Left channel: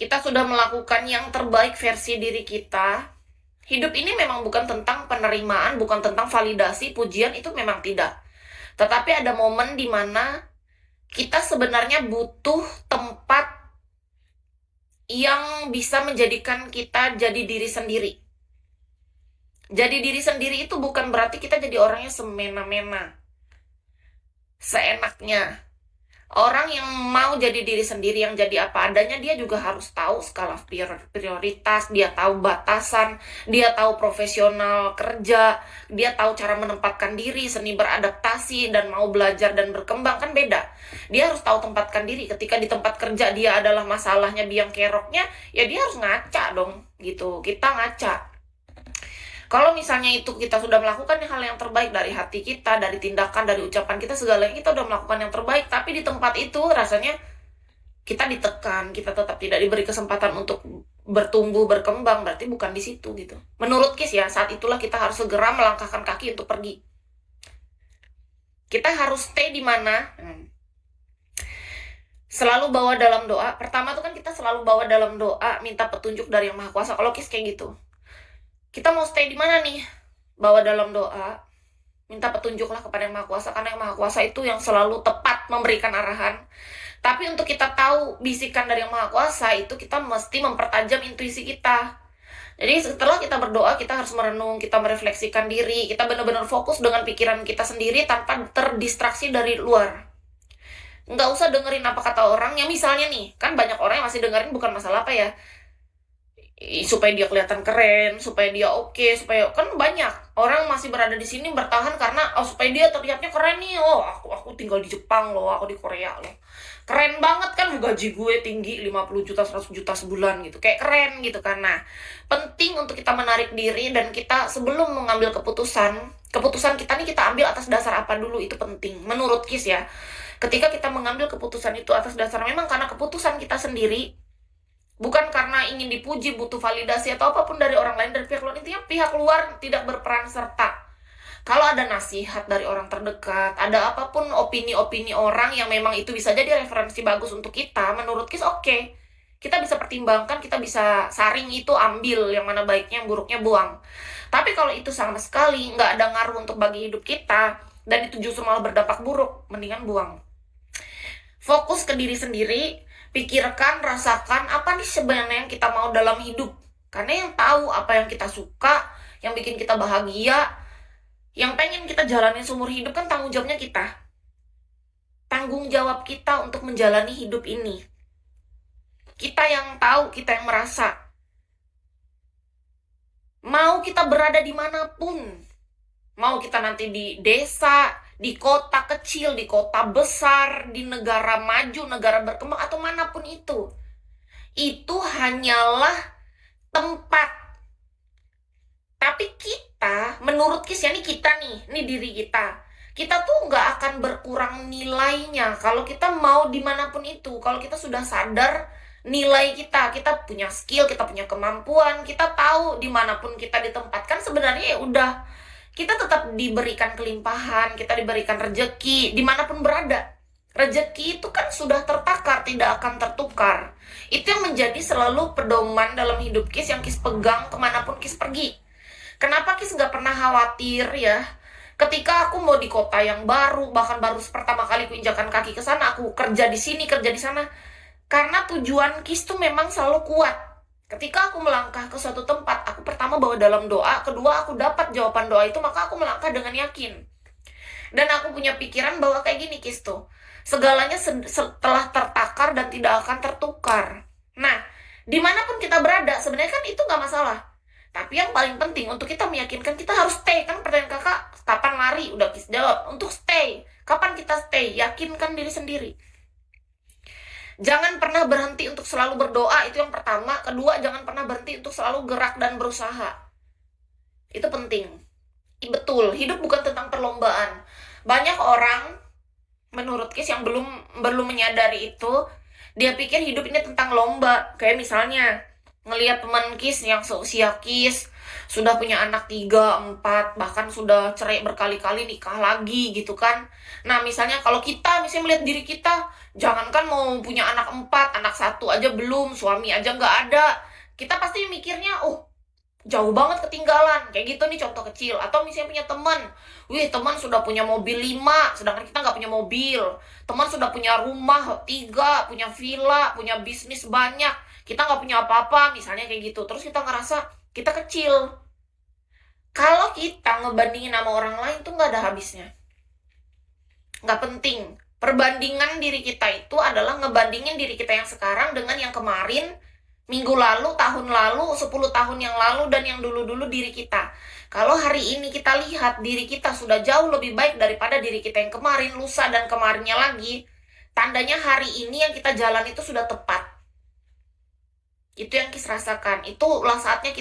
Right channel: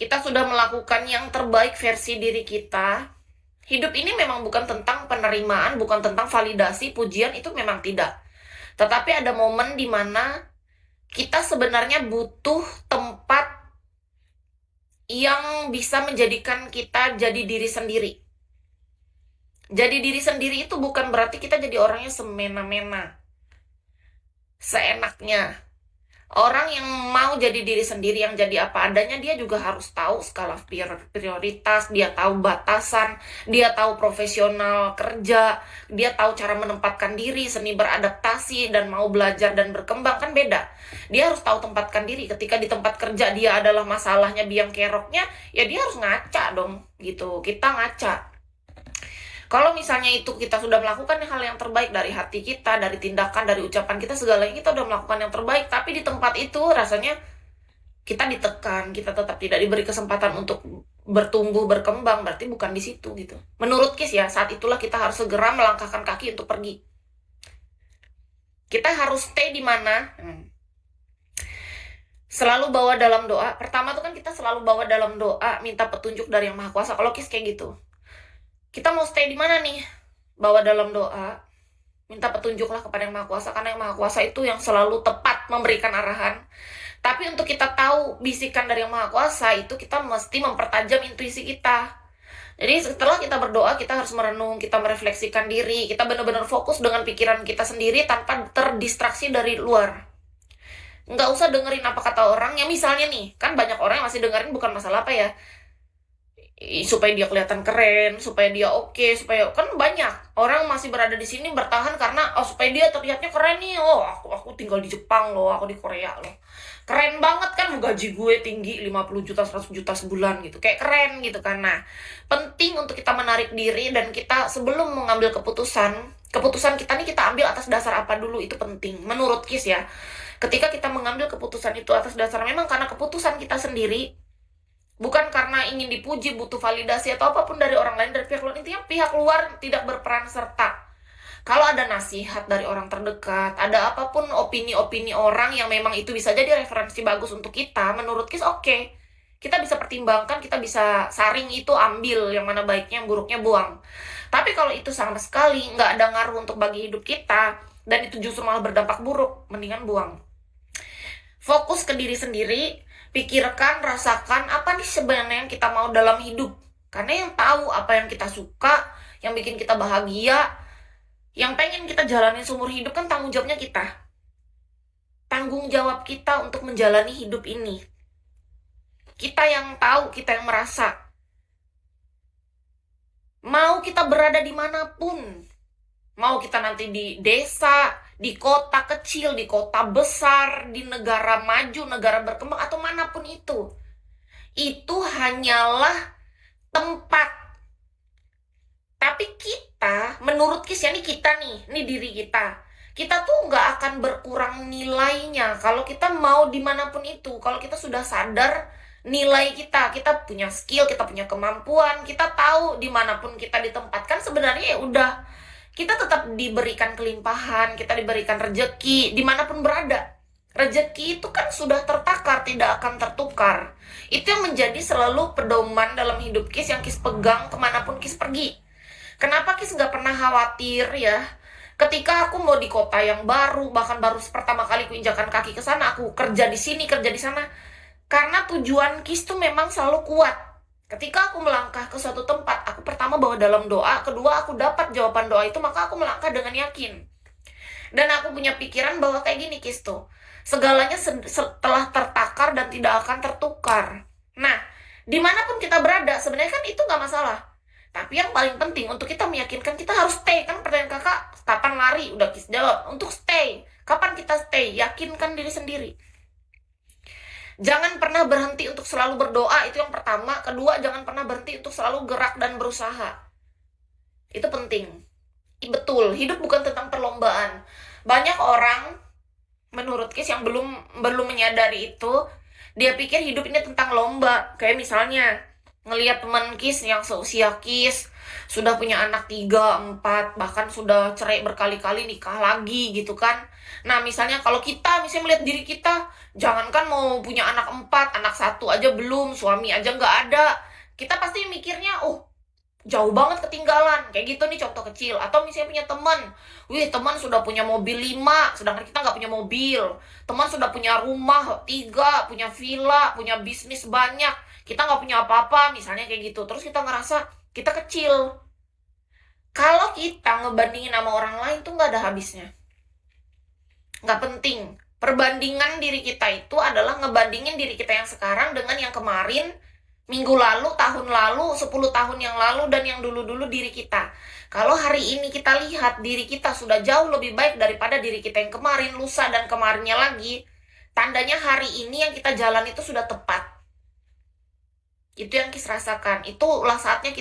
kita sudah melakukan yang terbaik versi diri kita. Hidup ini memang bukan tentang penerimaan, bukan tentang validasi, pujian, itu memang tidak. Tetapi ada momen di mana kita sebenarnya butuh tempat yang bisa menjadikan kita jadi diri sendiri. Jadi diri sendiri itu bukan berarti kita jadi orangnya semena-mena, seenaknya. Orang yang mau jadi diri sendiri, yang jadi apa adanya, dia juga harus tahu skala prioritas, dia tahu batasan, dia tahu profesional kerja, dia tahu cara menempatkan diri, seni beradaptasi, dan mau belajar dan berkembang, kan beda. Dia harus tahu tempatkan diri. Ketika di tempat kerja dia adalah masalahnya, biang keroknya, ya dia harus ngaca dong, gitu. Kita ngaca. Kalau misalnya itu kita sudah melakukan hal yang terbaik dari hati kita, dari tindakan, dari ucapan kita, segalanya kita sudah melakukan yang terbaik. Tapi di tempat itu rasanya kita ditekan, kita tetap tidak diberi kesempatan untuk bertumbuh, berkembang. Berarti bukan di situ gitu. Menurut Kis ya, saat itulah kita harus segera melangkahkan kaki untuk pergi. Kita harus stay di mana? Selalu bawa dalam doa. Pertama tuh kan kita selalu bawa dalam doa, minta petunjuk dari Yang Maha Kuasa. Kalau Kis kayak gitu. Kita mau stay di mana nih? Bawa dalam doa, minta petunjuklah kepada Yang Maha Kuasa, karena Yang Maha Kuasa itu yang selalu tepat memberikan arahan. Tapi untuk kita tahu bisikan dari Yang Maha Kuasa itu, kita mesti mempertajam intuisi kita. Jadi setelah kita berdoa, kita harus merenung, kita merefleksikan diri, kita benar-benar fokus dengan pikiran kita sendiri tanpa terdistraksi dari luar. Nggak usah dengerin apa kata orang, ya misalnya nih, kan banyak orang yang masih dengerin bukan masalah apa ya, supaya dia kelihatan keren, supaya dia oke, supaya kan banyak orang masih berada di sini bertahan karena supaya dia terlihatnya keren nih. Aku tinggal di Jepang loh, aku di Korea loh. Keren banget kan, gaji gue tinggi 50 juta 100 juta sebulan gitu. Kayak keren gitu kan. Nah, penting untuk kita menarik diri dan kita sebelum mengambil keputusan kita nih kita ambil atas dasar apa dulu, itu penting menurut Kis ya. Ketika kita mengambil keputusan itu atas dasar memang karena keputusan kita sendiri, bukan karena ingin dipuji, butuh validasi atau apapun dari orang lain, dari pihak luar. Intinya pihak luar tidak berperan serta. Kalau ada nasihat dari orang terdekat, ada apapun opini-opini orang yang memang itu bisa jadi referensi bagus untuk kita, menurut Kis oke. Kita bisa pertimbangkan, kita bisa saring itu, ambil yang mana baiknya, yang buruknya buang. Tapi kalau itu sama sekali nggak ada ngaruh untuk bagi hidup kita, dan itu justru malah berdampak buruk, mendingan buang. Fokus ke diri sendiri, pikirkan, rasakan apa nih sebenarnya yang kita mau dalam hidup. Karena yang tahu apa yang kita suka, yang bikin kita bahagia, yang pengen kita jalanin seumur hidup kan tanggung jawabnya kita. Tanggung jawab kita untuk menjalani hidup ini. Kita yang tahu, kita yang merasa. Mau kita berada dimanapun, mau kita nanti di desa, di kota kecil, di kota besar, di negara maju, negara berkembang, atau manapun itu hanyalah tempat. Tapi kita, menurut Kis ya, nih kita nih diri kita tuh nggak akan berkurang nilainya kalau kita mau dimanapun itu. Kalau kita sudah sadar nilai kita punya skill, kita punya kemampuan, kita tahu dimanapun kita ditempatkan, sebenarnya ya udah, kita tetap diberikan kelimpahan, kita diberikan rejeki dimanapun berada. Rejeki itu kan sudah tertakar, tidak akan tertukar. Itu yang menjadi selalu pedoman dalam hidup Kis, yang Kis pegang kemanapun Kis pergi. Kenapa Kis nggak pernah khawatir ya? Ketika aku mau di kota yang baru, bahkan baru pertama kali aku injakan kaki ke sana, aku kerja di sini, kerja di sana. Karena tujuan Kis tuh memang selalu kuat. Ketika aku melangkah ke suatu tempat, aku pertama bawa dalam doa, kedua aku dapat jawaban doa itu, maka aku melangkah dengan yakin. Dan aku punya pikiran bahwa kayak gini Kis tuh, segalanya setelah tertakar dan tidak akan tertukar. Nah, dimanapun kita berada, sebenarnya kan itu nggak masalah. Tapi yang paling penting untuk kita meyakinkan, kita harus stay. Kan pertanyaan kakak, kapan lari? Udah Kis jawab, untuk stay. Kapan kita stay? Yakinkan diri sendiri. Jangan pernah berhenti untuk selalu berdoa, itu yang pertama. Kedua, jangan pernah berhenti untuk selalu gerak dan berusaha. Itu penting. Betul, hidup bukan tentang perlombaan. Banyak orang, menurut Kis, yang belum menyadari itu. Dia pikir hidup ini tentang lomba. Kayak misalnya, ngelihat teman Kis yang seusia Kis sudah punya anak 3, 4, bahkan sudah cerai berkali-kali, nikah lagi gitu kan. Nah misalnya kalau kita misalnya melihat diri kita, jangankan mau punya anak 4, anak 1 aja belum, suami aja nggak ada, kita pasti mikirnya, oh jauh banget ketinggalan, kayak gitu nih contoh kecil. Atau misalnya punya teman, wih teman sudah punya mobil 5, sedangkan kita nggak punya mobil. Teman sudah punya rumah 3, punya villa, punya bisnis banyak, kita nggak punya apa-apa, misalnya kayak gitu. Terus kita ngerasa kita kecil. Kalau kita ngebandingin sama orang lain tuh nggak ada habisnya, nggak penting. Perbandingan diri kita itu adalah ngebandingin diri kita yang sekarang dengan yang kemarin, minggu lalu, tahun lalu, 10 tahun yang lalu, dan yang dulu-dulu diri kita. Kalau hari ini kita lihat diri kita sudah jauh lebih baik daripada diri kita yang kemarin, lusa, dan kemarinnya lagi, tandanya hari ini yang kita jalan itu sudah tepat. Itu yang Kis rasakan. Itulah saatnya kita